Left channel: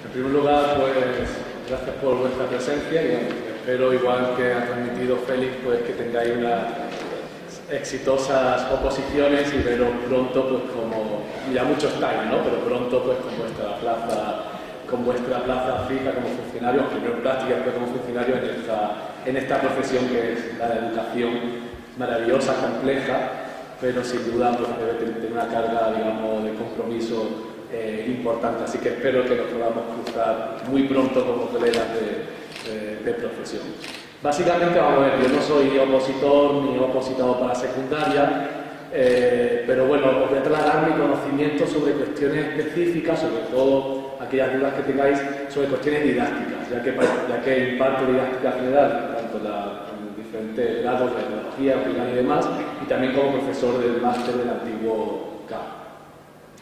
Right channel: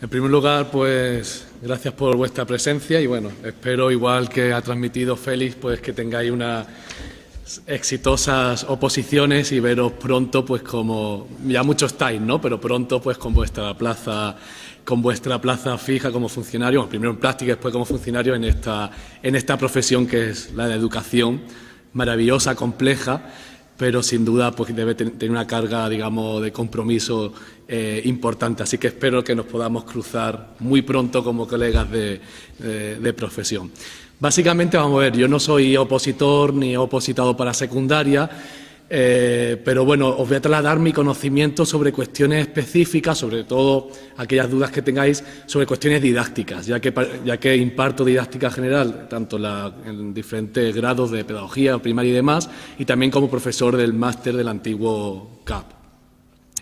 En primer lugar, pues gracias por vuestra presencia y bueno, espero igual que ha transmitido Félix, pues que tengáis unas exitosas oposiciones y veros pronto, pues como ya mucho estáis, ¿no? Pero pronto, pues con vuestra plaza fija como funcionario, primero en práctica y después como funcionario en esta profesión que es la de educación, maravillosa, compleja, pero sin duda pues debe tener una carga, digamos, de compromiso importante, así que espero que nos podamos cruzar muy pronto como colegas de profesión. Básicamente, vamos a ver, yo no soy opositor ni he opositado para secundaria, pero bueno, os voy a trasladar mi conocimiento sobre cuestiones específicas, sobre todo aquellas dudas que tengáis sobre cuestiones didácticas, ya que imparto didáctica general, tanto en diferentes grados de pedagogía, primaria y demás, y también como profesor del máster del antiguo CAP.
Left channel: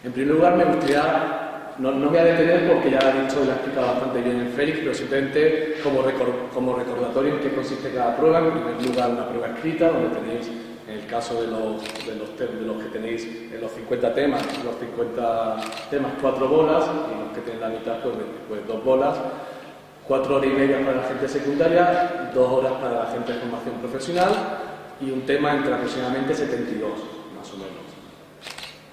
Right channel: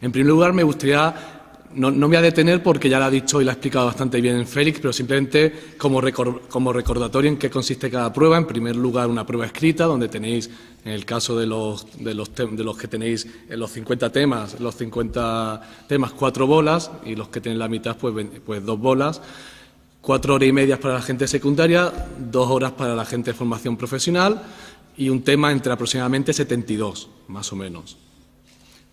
En primer lugar, me gustaría, no me voy a detener porque ya lo ha dicho y lo ha explicado bastante bien en Félix, pero simplemente como recordatorio en qué consiste cada prueba. En primer lugar, una prueba escrita, donde tenéis, en el caso de los que tenéis en los 50 temas, 4 bolas, y los que tenéis la mitad, pues 2 bolas. 4 horas y media para la gente secundaria, 2 horas para la gente de formación profesional y un tema entre aproximadamente 72, más o menos.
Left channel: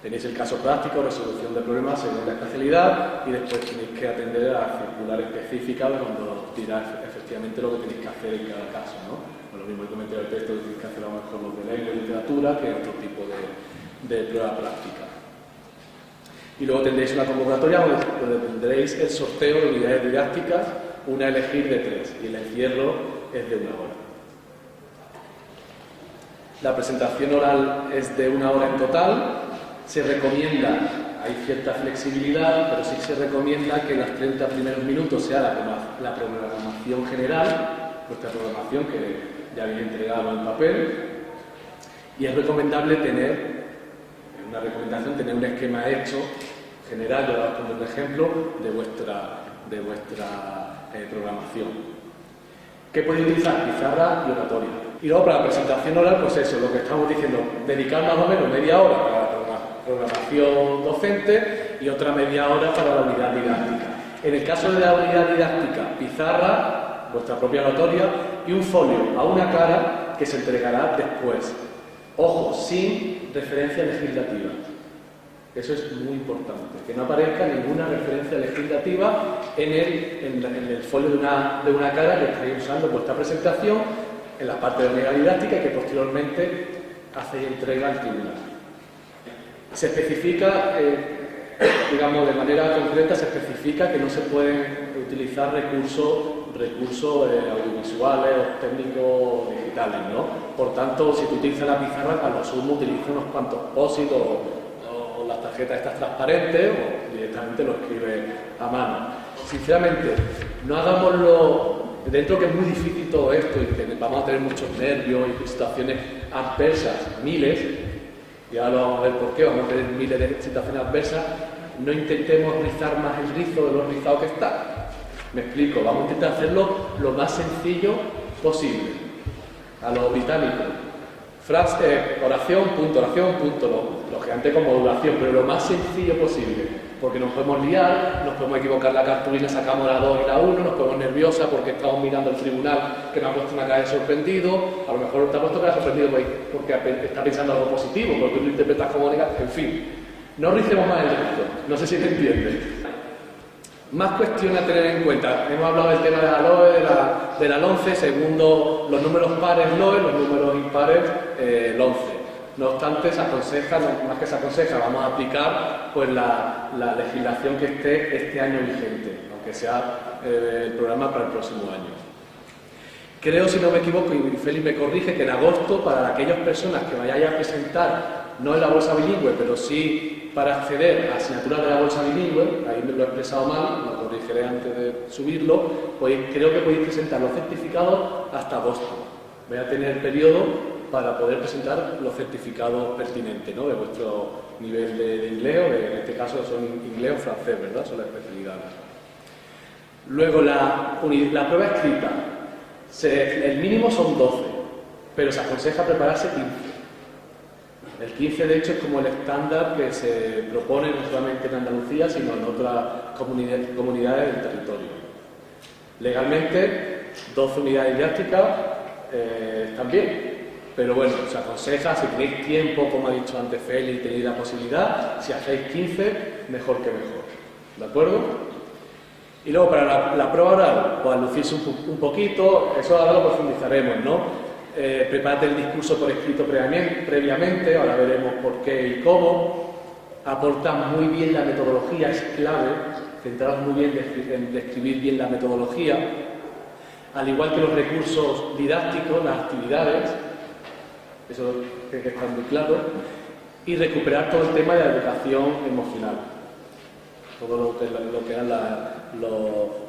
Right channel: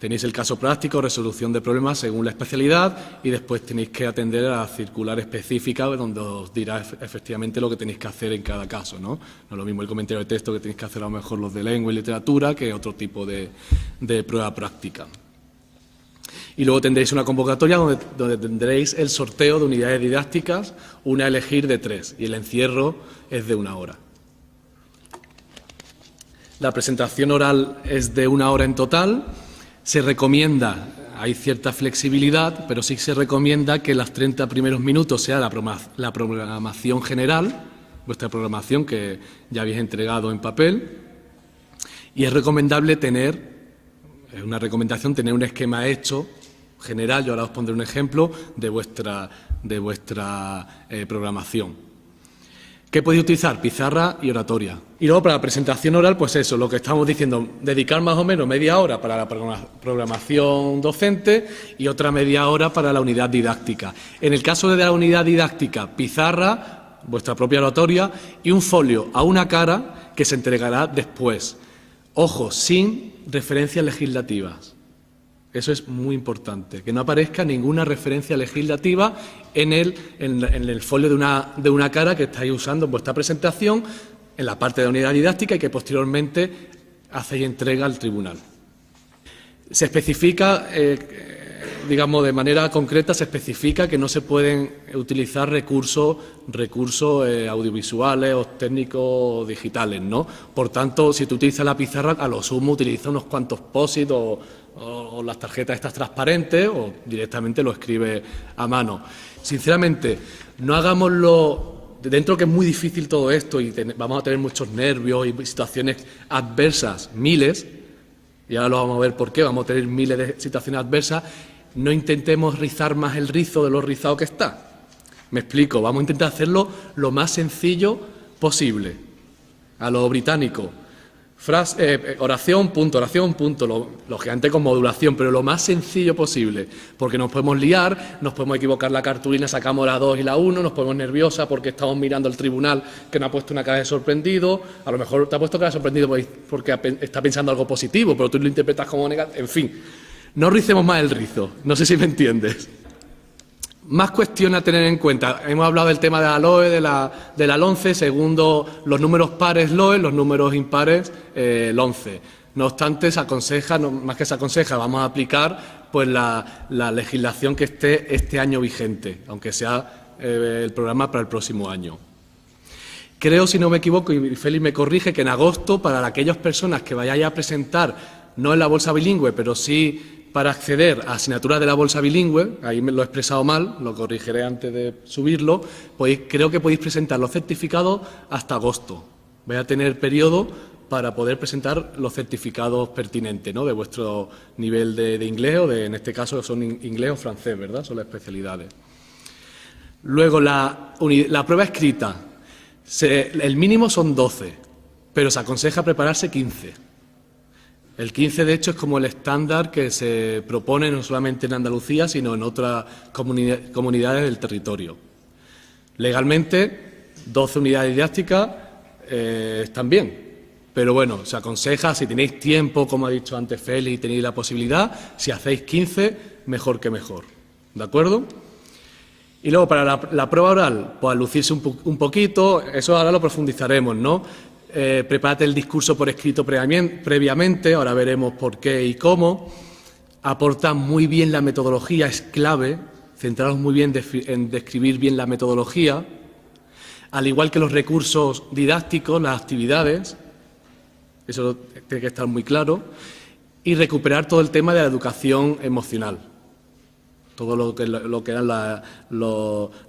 Tenéis el caso práctico, resolución de problemas según la especialidad y después tenéis que atender a la circular específica donde os dirá efectivamente lo que tenéis que hacer en cada caso, ¿no? No es lo mismo el comentario de texto que tenéis que hacer a lo mejor los de lengua y literatura que otro tipo de prueba práctica. Y luego tendréis una convocatoria donde tendréis el sorteo de unidades didácticas, una a elegir de 3 y el encierro es de 1 hora. La presentación oral es de 1 hora en total. Se recomienda, hay cierta flexibilidad, pero sí se recomienda que los 30 primeros minutos sea la programación general, vuestra programación que ya habéis entregado en papel, y es recomendable tener un esquema hecho general, ahora os pondré un ejemplo, de vuestra programación. ¿Qué podéis utilizar? Pizarra y oratoria. Y luego para la presentación oral, pues eso, lo que estamos diciendo, dedicar más o menos media hora para la programación docente y otra media hora para la unidad didáctica. En el caso de la unidad didáctica, pizarra, vuestra propia oratoria y un folio a una cara que se entregará después. Ojo, sin referencias legislativas. Eso es muy importante, que no aparezca ninguna referencia legislativa en el folio de una cara que estáis usando en vuestra presentación, en la parte de la unidad didáctica y que posteriormente hacéis entrega al tribunal. Se especifica, digamos de manera concreta, se especifica que no se pueden utilizar recursos audiovisuales o técnicos digitales, ¿no? Por tanto, si tú utilizas la pizarra, a lo sumo utiliza unos cuantos post-it o las tarjetas estas transparentes o directamente lo escribe a mano. Sinceramente, no hagámoslo, dentro que es muy difícil todo esto y vamos a tener muchos nervios y situaciones adversas, miles, y ahora lo vamos a ver por qué, vamos a tener miles de situaciones adversas, no intentemos rizar más el rizo de lo rizado que está. Me explico, vamos a intentar hacerlo lo más sencillo posible, a lo británico. Oración, punto, lógicamente con modulación, pero lo más sencillo posible, porque nos podemos liar, nos podemos equivocar la cartulina, sacamos la 2 y la 1, nos ponemos nerviosa porque estamos mirando al tribunal que nos ha puesto una cara de sorprendido, a lo mejor te ha puesto cara de sorprendido porque está pensando algo positivo, pero tú lo interpretas como negativo, en fin, no ricemos más el rizo, no sé si me entiendes. Más cuestiones a tener en cuenta. Hemos hablado del tema de la LOE, de la LONCE, segundo los números pares LOE, los números impares LONCE. No obstante, se aconseja, más que se aconseja, vamos a aplicar pues la legislación que esté este año vigente, aunque sea el programa para el próximo año. Creo, si no me equivoco, y Félix me corrige, que en agosto, para aquellas personas que vayáis a presentar, no en la bolsa bilingüe, pero sí para acceder a asignaturas de la bolsa bilingüe, ahí me lo he expresado mal, lo corregiré antes de subirlo, pues creo que podéis presentar los certificados hasta agosto. Vais a tener periodo para poder presentar los certificados pertinentes, ¿no? De vuestro nivel de inglés, o en este caso son inglés o francés, ¿verdad? Son las especialidades. Luego la prueba escrita, el mínimo son 12, pero se aconseja prepararse 15. El 15, de hecho, es como el estándar que se propone no solamente en Andalucía, sino en otras comunidades del territorio. Legalmente, 12 unidades didácticas están bien, pero bueno, se aconseja, si tenéis tiempo, como ha dicho antes Félix, y tenéis la posibilidad, si hacéis 15, mejor que mejor. ¿De acuerdo? Y luego para la prueba oral, pues lucirse un poquito, eso ahora lo profundizaremos, ¿no? Prepárate el discurso por escrito previamente, ahora veremos por qué y cómo. Aporta muy bien la metodología, es clave, centraros muy bien en describir bien la metodología, al igual que los recursos didácticos, las actividades, eso tiene que estar muy claro, y recuperar todo el tema de la educación emocional. Todo lo que era la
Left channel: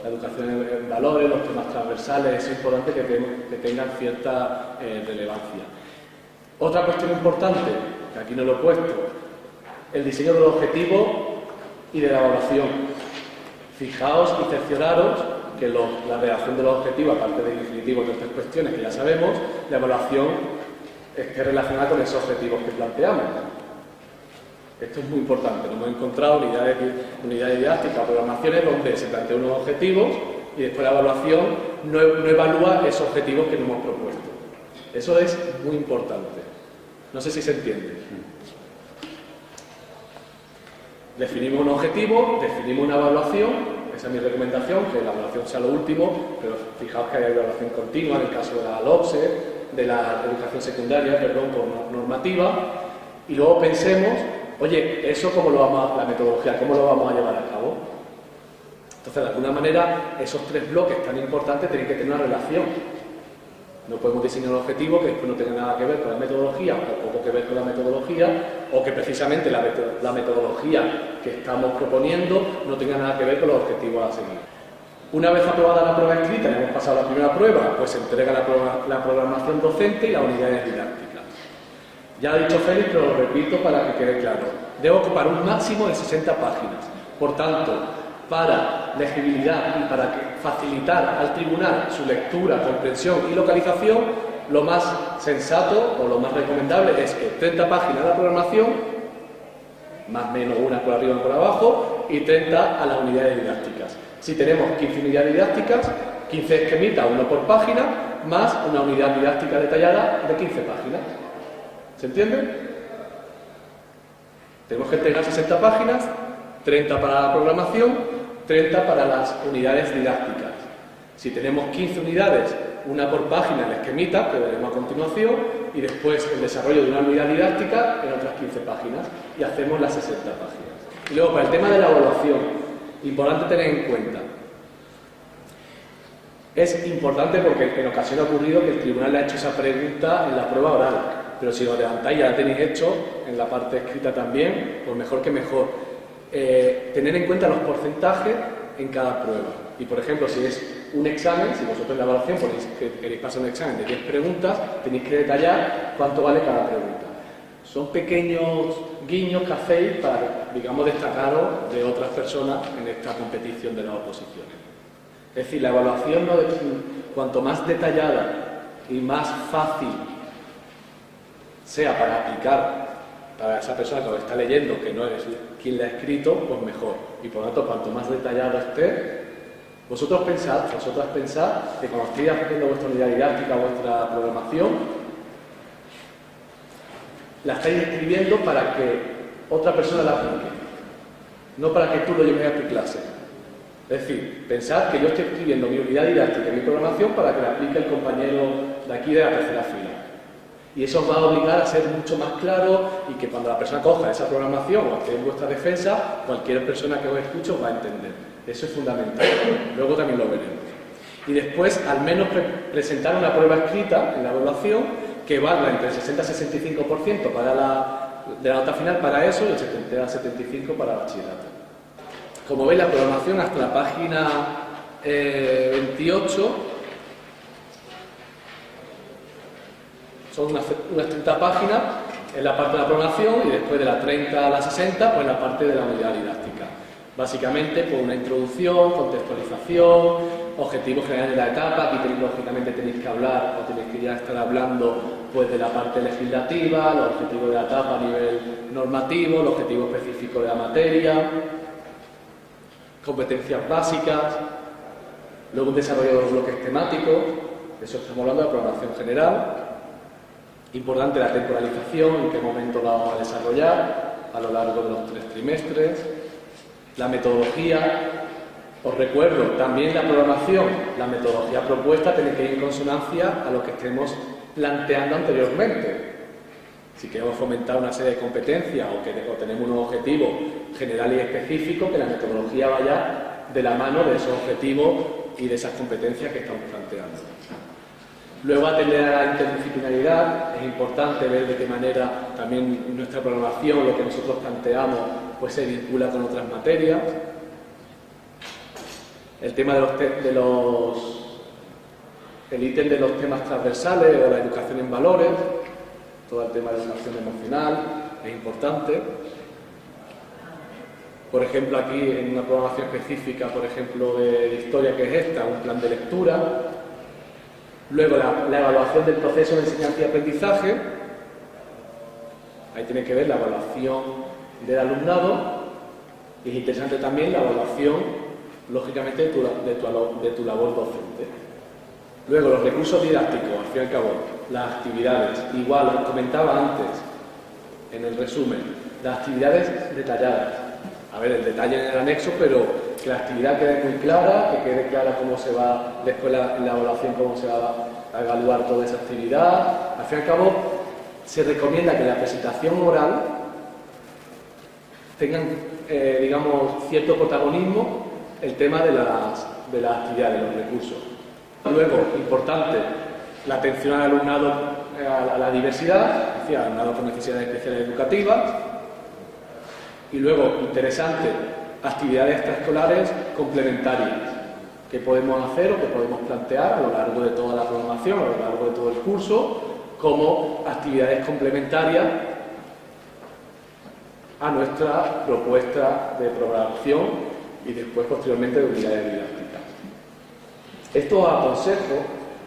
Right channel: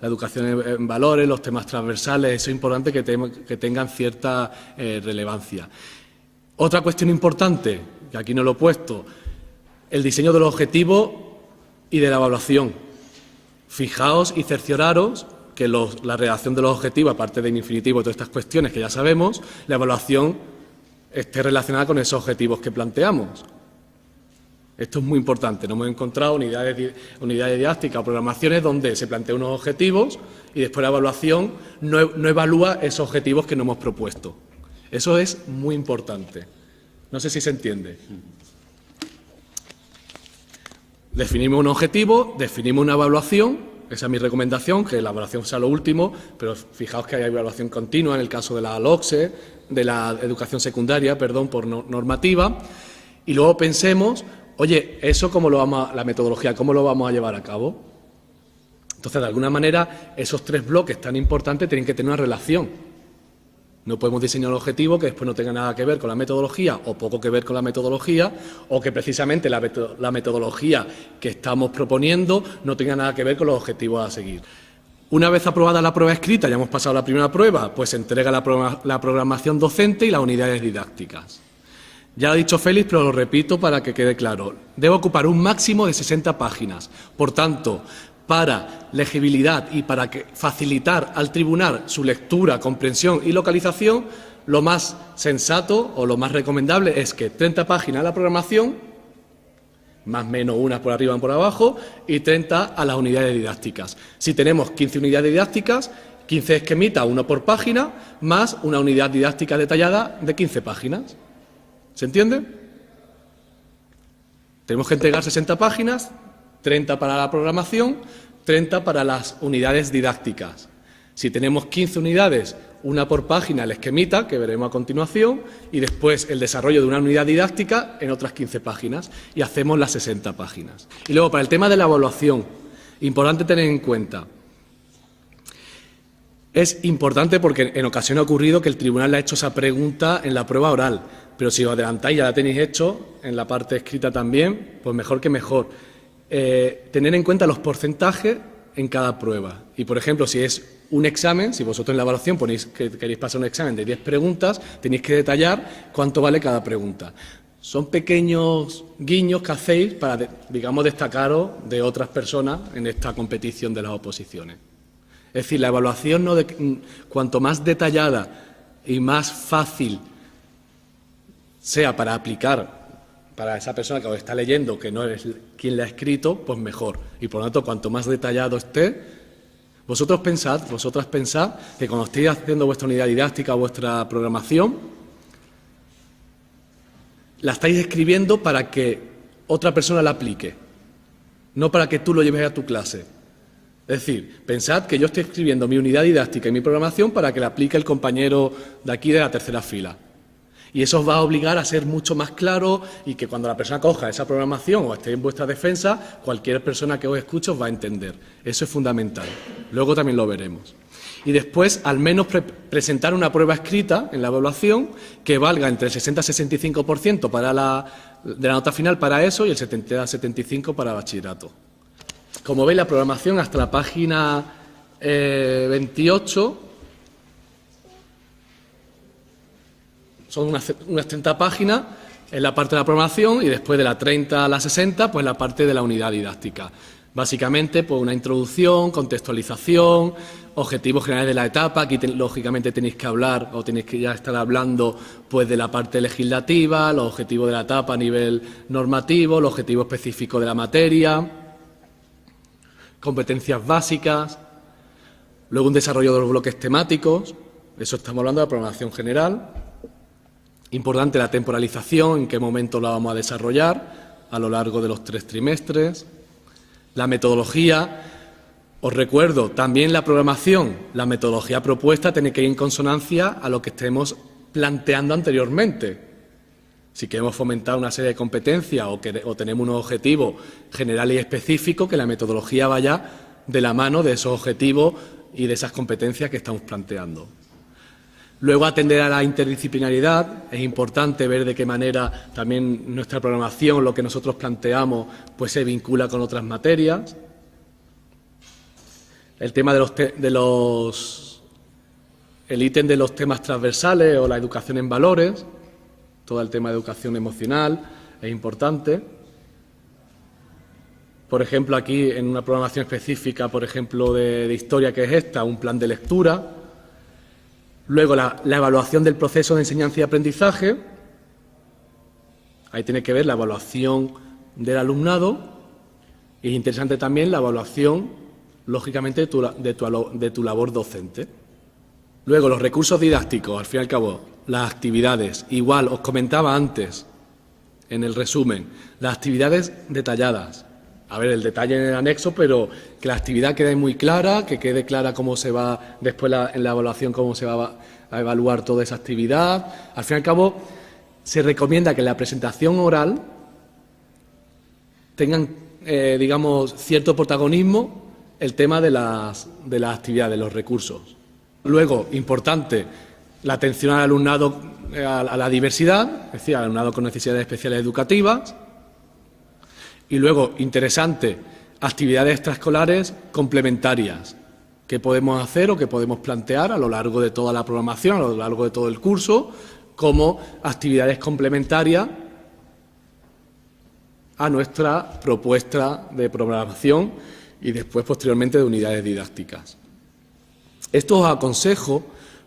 educación en valores, los temas transversales, eso es importante que tengan cierta relevancia. Otra cuestión importante, que aquí no lo he puesto, el diseño de los objetivos y de la evaluación. Fijaos y cercioraros que la redacción de los objetivos, aparte del infinitivo y todas estas cuestiones que ya sabemos, la evaluación esté relacionada con esos objetivos que planteamos. Esto es muy importante. No hemos encontrado unidades didácticas o programaciones donde se plantean unos objetivos y después la evaluación no evalúa esos objetivos que nos hemos propuesto. Eso es muy importante. No sé si se entiende. Definimos un objetivo, definimos una evaluación, esa es mi recomendación, que la evaluación sea lo último, pero fijaos que hay evaluación continua en el caso de la LOCSE, de la educación secundaria, perdón, por normativa, y luego pensemos, oye, eso la metodología, ¿cómo lo vamos a llevar a cabo? Entonces, de alguna manera, esos tres bloques tan importantes tienen que tener una relación. No podemos diseñar un objetivo que después no tenga nada que ver con la metodología o poco que ver con la metodología, o que precisamente la metodología que estamos proponiendo no tenga nada que ver con los objetivos a seguir. Una vez aprobada la prueba escrita, ya hemos pasado la primera prueba, pues se entrega la programación docente y las unidades didácticas. Ya lo ha dicho Félix, pero lo repito para que quede claro. Debe ocupar un máximo de 60 páginas. Por tanto, para legibilidad y para facilitar al tribunal su lectura, comprensión y localización, lo más sensato o lo más recomendable es que 30 páginas de la programación, más o menos una por arriba y por abajo, y 30 a las unidades didácticas. Si tenemos 15 unidades didácticas, 15 esquemitas, uno por página, más una unidad didáctica detallada de 15 páginas. ¿Se entiende? Tenemos que entregar 60 páginas, 30 para la programación, 30 para las unidades didácticas. Si tenemos 15 unidades, una por página, el esquemita, que veremos a continuación, y después el desarrollo de una unidad didáctica en otras 15 páginas, y hacemos las 60 páginas. Y luego, para el tema de la evaluación, importante tener en cuenta, es importante porque en ocasiones ha ocurrido que el tribunal le ha hecho esa pregunta en la prueba oral, pero si os adelantáis ya la tenéis hecho, en la parte escrita también, pues mejor que mejor. Tener en cuenta los porcentajes en cada prueba. Y, por ejemplo, si es un examen, si vosotros en la evaluación ponéis que queréis pasar un examen de 10 preguntas, tenéis que detallar cuánto vale cada pregunta. Son pequeños guiños que hacéis para, digamos, destacaros de otras personas en esta competición de las oposiciones. Es decir, la evaluación, cuanto más detallada y más fácil sea para aplicar para esa persona que os está leyendo, que no eres quien la ha escrito, pues mejor. Y por lo tanto, cuanto más detallado esté, vosotras pensad que cuando estéis haciendo vuestra unidad didáctica, vuestra programación, la estáis escribiendo para que otra persona la aplique, no para que tú lo lleves a tu clase. Es decir, pensad que yo estoy escribiendo mi unidad didáctica y mi programación para que la aplique el compañero de aquí de la tercera fila. Y eso os va a obligar a ser mucho más claro y que cuando la persona coja esa programación o esté en vuestra defensa, cualquier persona que os escuche os va a entender. Eso es fundamental. Luego también lo veremos. Y después, al menos presentar una prueba escrita en la evaluación que valga entre el 60 y 65% de la nota final para eso y el 70 a 75% para bachillerato. Como veis, la programación hasta la página 28... son unas 30 páginas en la parte de la programación y después de la 30 a la 60, pues la parte de la unidad didáctica. Básicamente, pues una introducción, contextualización, objetivos generales de la etapa, aquí lógicamente tenéis que hablar o tenéis que ya estar hablando pues de la parte legislativa, los objetivos de la etapa a nivel normativo, los objetivos específicos de la materia, competencias básicas, luego un desarrollo de los bloques temáticos, de eso estamos hablando de la programación general. Importante la temporalización, en qué momento la vamos a desarrollar a lo largo de los 3 trimestres. La metodología, os recuerdo, también la programación, la metodología propuesta tiene que ir en consonancia a lo que estemos planteando anteriormente. Si queremos fomentar una serie de competencias o tenemos unos objetivos generales y específicos, que la metodología vaya de la mano de esos objetivos y de esas competencias que estamos planteando. Luego, atender a la interdisciplinaridad. Es importante ver de qué manera también nuestra programación, lo que nosotros planteamos, pues se vincula con otras materias. El tema el ítem de los temas transversales o la educación en valores, todo el tema de educación emocional es importante. Por ejemplo, aquí en una programación específica, por ejemplo, de historia, que es esta, un plan de lectura. Luego la evaluación del proceso de enseñanza y aprendizaje. Ahí tiene que ver la evaluación del alumnado. Y es interesante también la evaluación, lógicamente, de tu labor docente. Luego, los recursos didácticos, al fin y al cabo, las actividades. Igual, os comentaba antes, en el resumen, las actividades detalladas. A ver, el detalle en el anexo, pero que la actividad quede muy clara, que quede clara cómo se va, después en la evaluación, cómo se va a evaluar toda esa actividad. Al fin y al cabo, se recomienda que en la presentación oral tengan, digamos, cierto protagonismo el tema de las actividades, de los recursos. Luego, importante, la atención al alumnado, a la diversidad, es decir, al alumnado con necesidades especiales educativas. Y luego, interesante, actividades extraescolares complementarias que podemos hacer o que podemos plantear a lo largo de toda la programación, a lo largo de todo el curso, como actividades complementarias a nuestra propuesta de programación y después, posteriormente, de unidades didácticas. Esto os aconsejo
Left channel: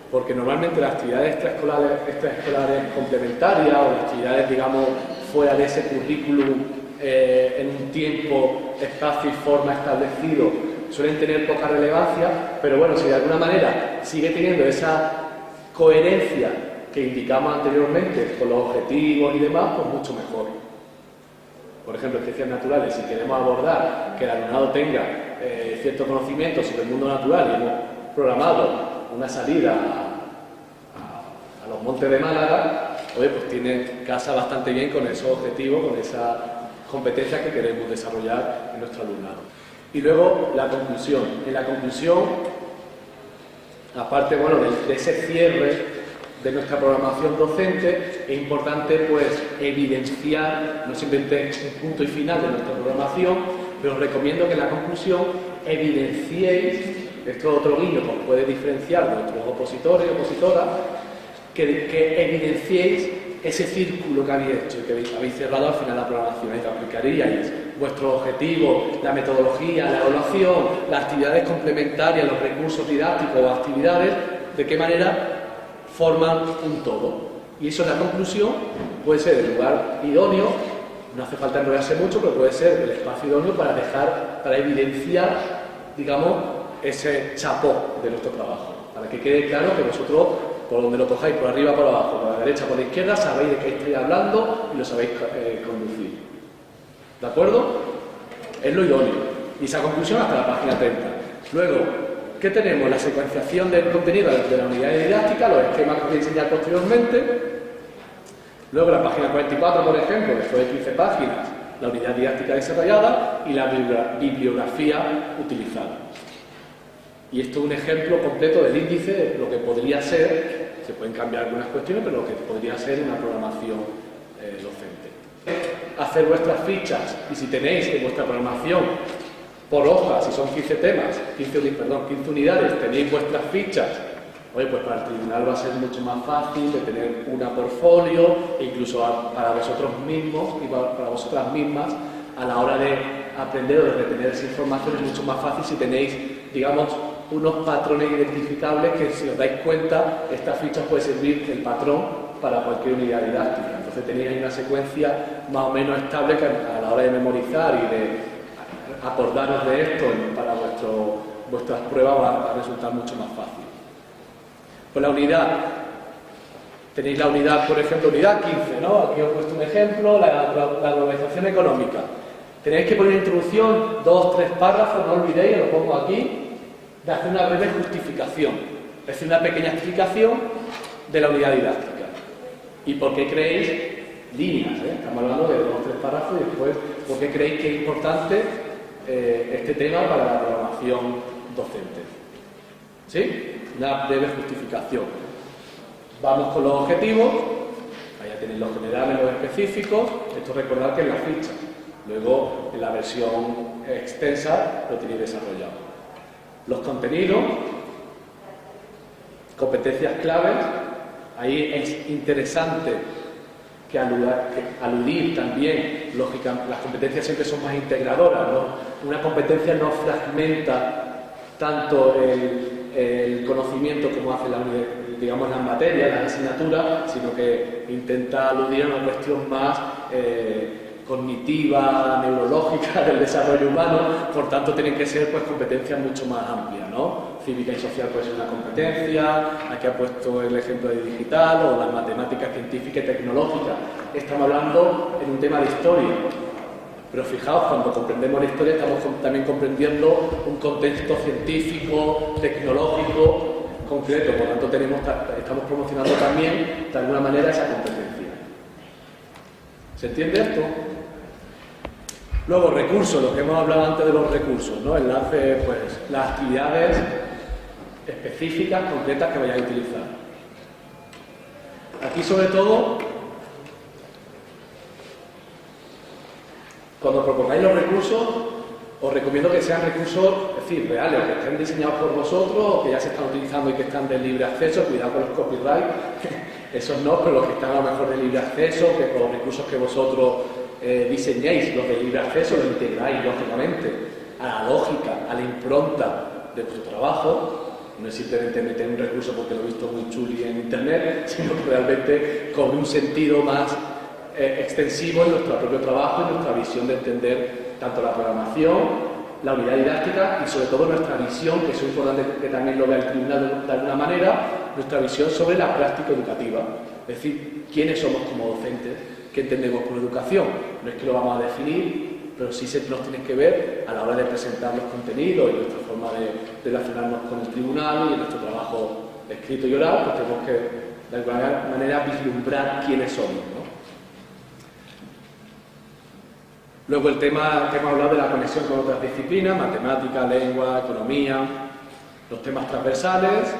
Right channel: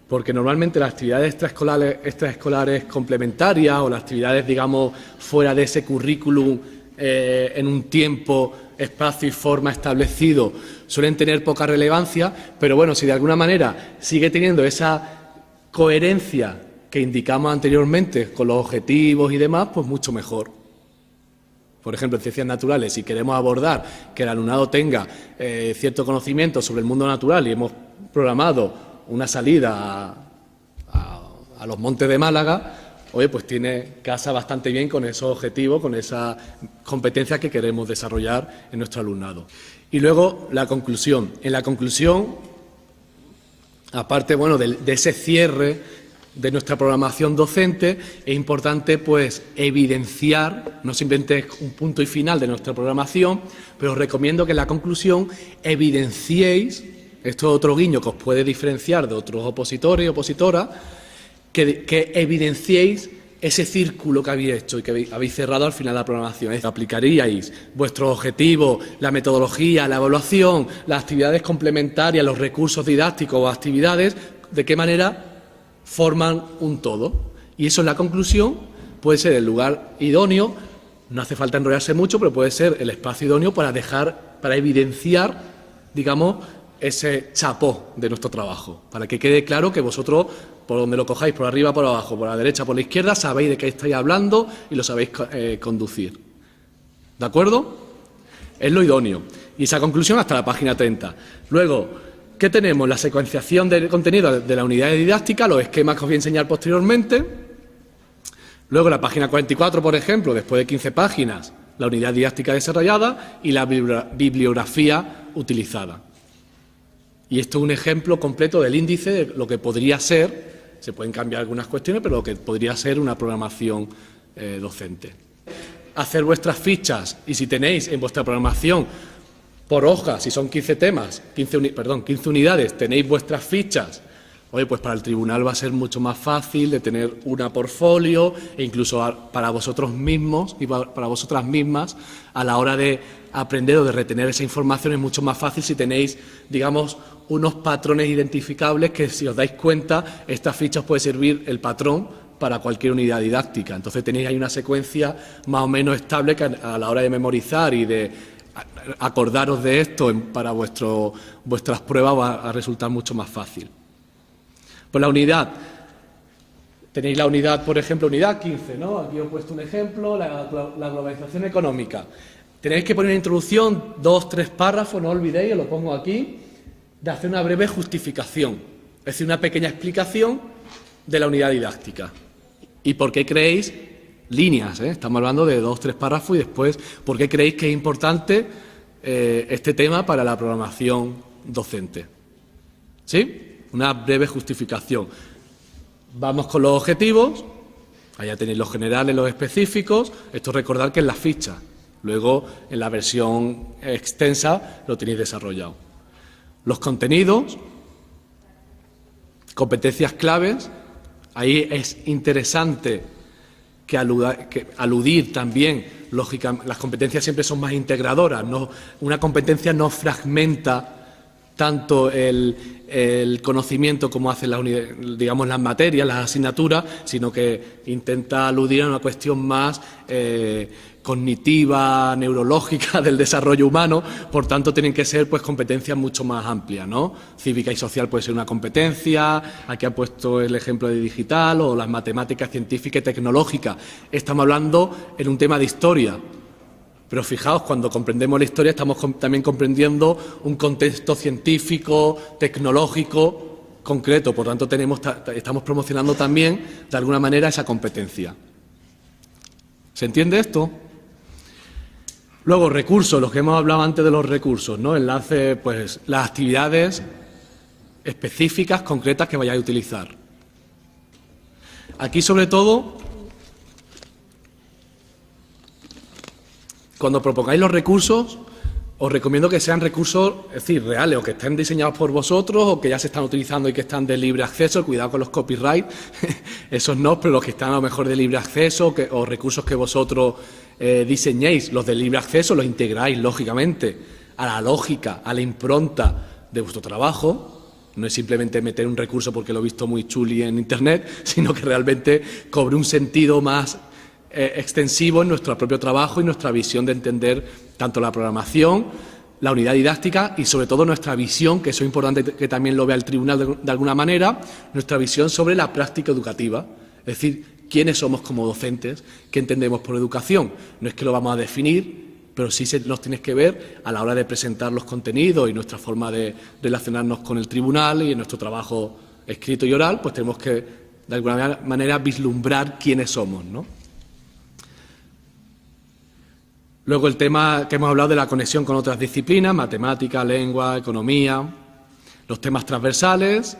porque normalmente las actividades extraescolares complementarias o las actividades, digamos, fuera de ese currículum en un tiempo, espacio y forma establecido suelen tener poca relevancia, pero bueno, si de alguna manera sigue teniendo esa coherencia que indicamos anteriormente con los objetivos y demás, pues mucho mejor. Por ejemplo, en ciencias naturales, si queremos abordar que el alumnado tenga cierto conocimiento sobre el mundo natural y hemos programado una salida a los montes de Málaga, oye, pues casa bastante bien con esos objetivos, con esas competencias que queremos desarrollar en nuestro alumnado. Y luego la conclusión. En la conclusión, aparte, bueno, de ese cierre de nuestra programación docente, es importante pues evidenciar, no simplemente un punto y final de nuestra programación, pero os recomiendo que en la conclusión evidenciéis, esto es otro guiño que os puede diferenciar de otros opositores y opositoras, que evidenciéis ese círculo que habéis hecho y que habéis cerrado al final de la programación. Es que aplicaríais vuestros objetivos, la metodología, la evaluación, las actividades complementarias, los recursos didácticos o actividades, de qué manera forman un todo. Y eso en la conclusión puede ser el lugar idóneo, no hace falta enrollarse mucho, pero puede ser el espacio idóneo para evidenciar, digamos, ese chapó de nuestro trabajo, para que quede claro que vosotros, por donde lo cojáis, por arriba, por abajo, por la derecha, por la izquierda, sabéis de qué estáis hablando y lo sabéis conducir. ¿De acuerdo? Es lo idóneo. Y esa conclusión hasta la página 30. Luego, ¿qué tenemos? La secuenciación del contenido de la unidad didáctica, los esquemas que os voy a enseñar posteriormente. Luego, la página 44, por ejemplo, después de 15 páginas, la unidad didáctica desarrollada y la bibliografía utilizada. Y esto es un ejemplo completo del índice de lo que podría ser, se pueden cambiar algunas cuestiones, pero lo que podría ser una programación docente. Hacer vuestras fichas, y si tenéis en vuestra programación por hoja, si son 15 temas, 15 unidades, tenéis vuestras fichas, oye, pues para el tribunal va a ser mucho más fácil de tener una por folio, e incluso para vosotros mismos y para vosotras mismas, a la hora de aprender o de retener esa información es mucho más fácil si tenéis, digamos, unos patrones identificables que, si os dais cuenta, esta ficha os puede servir el patrón para cualquier unidad didáctica. Entonces tenéis ahí una secuencia más o menos estable que a la hora de memorizar y de acordaros de esto para vuestras pruebas va a resultar mucho más fácil. Pues la unidad, tenéis la unidad, por ejemplo, unidad 15, ¿no? Aquí os he puesto un ejemplo, la globalización económica. Tenéis que poner en introducción 2 o 3 párrafos, no olvidéis, lo pongo aquí, de hacer una breve justificación, es decir, una pequeña explicación de la unidad didáctica. ¿Y por qué creéis? Líneas, estamos hablando de 2 o 3 párrafos y después, ¿por qué creéis que es importante este tema para la programación docente? ¿Sí? Una breve justificación. Vamos con los objetivos, allá tenéis los generales, los específicos, esto recordad que es la ficha, luego en la versión extensa lo tenéis desarrollado. Los contenidos, competencias claves, ahí es interesante que aludir también, lógicamente, las competencias siempre son más integradoras, ¿no? Una competencia no fragmenta tanto el conocimiento como hacen digamos, las materias, las asignaturas, sino que intenta aludir a una cuestión más cognitiva, neurológica del desarrollo humano, por tanto tienen que ser pues competencias mucho más amplias, ¿no? Cívica y social puede ser una competencia, aquí ha puesto el ejemplo de digital, o las matemáticas científicas y tecnológicas. Estamos hablando en un tema de historia, pero fijaos, cuando comprendemos la historia estamos también comprendiendo un contexto científico, tecnológico concreto, por tanto estamos promocionando también de alguna manera esa competencia. ¿Se entiende esto? Luego, recursos, lo que hemos hablado antes de los recursos, ¿no? Enlace, pues, las actividades específicas, concretas que vayáis a utilizar. Aquí, sobre todo, cuando propongáis los recursos, os recomiendo que sean recursos, es decir, reales, o que estén diseñados por vosotros, o que ya se están utilizando y que están de libre acceso. Cuidado con los copyright, esos no, pero los que están a lo mejor de libre acceso, o recursos que vosotros diseñéis, los de libre acceso, los integráis, lógicamente, a la lógica, a la impronta de vuestro trabajo. No es simplemente meter un recurso porque lo he visto muy chuli en internet, sino que realmente cobre un sentido más extensivo en nuestro propio trabajo y nuestra visión de entender tanto la programación, la unidad didáctica y sobre todo nuestra visión, que eso es importante que también lo vea el tribunal de alguna manera, nuestra visión sobre la práctica educativa, es decir, quiénes somos como docentes, qué entendemos por educación. No es que lo vamos a definir, pero sí nos tenéis que ver a la hora de presentar los contenidos y nuestra forma de relacionarnos con el tribunal y en nuestro trabajo escrito y oral, pues tenemos que de alguna manera vislumbrar quiénes somos, ¿no? Luego el tema que hemos hablado de la conexión con otras disciplinas, matemática, lengua, economía, los temas transversales.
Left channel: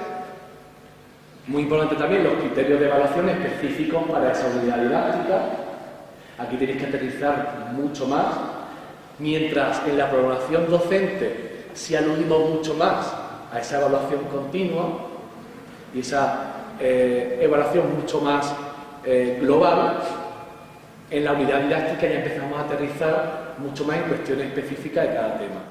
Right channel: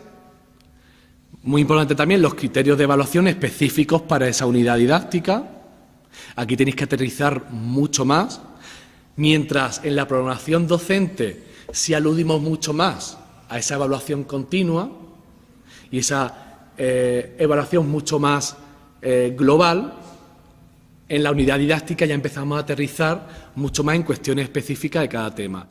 Muy importante también los criterios de evaluación específicos para esa unidad didáctica. Aquí tenéis que aterrizar mucho más, mientras en la programación docente sí aludimos mucho más a esa evaluación continua y esa evaluación mucho más global. En la unidad didáctica ya empezamos a aterrizar mucho más en cuestiones específicas de cada tema.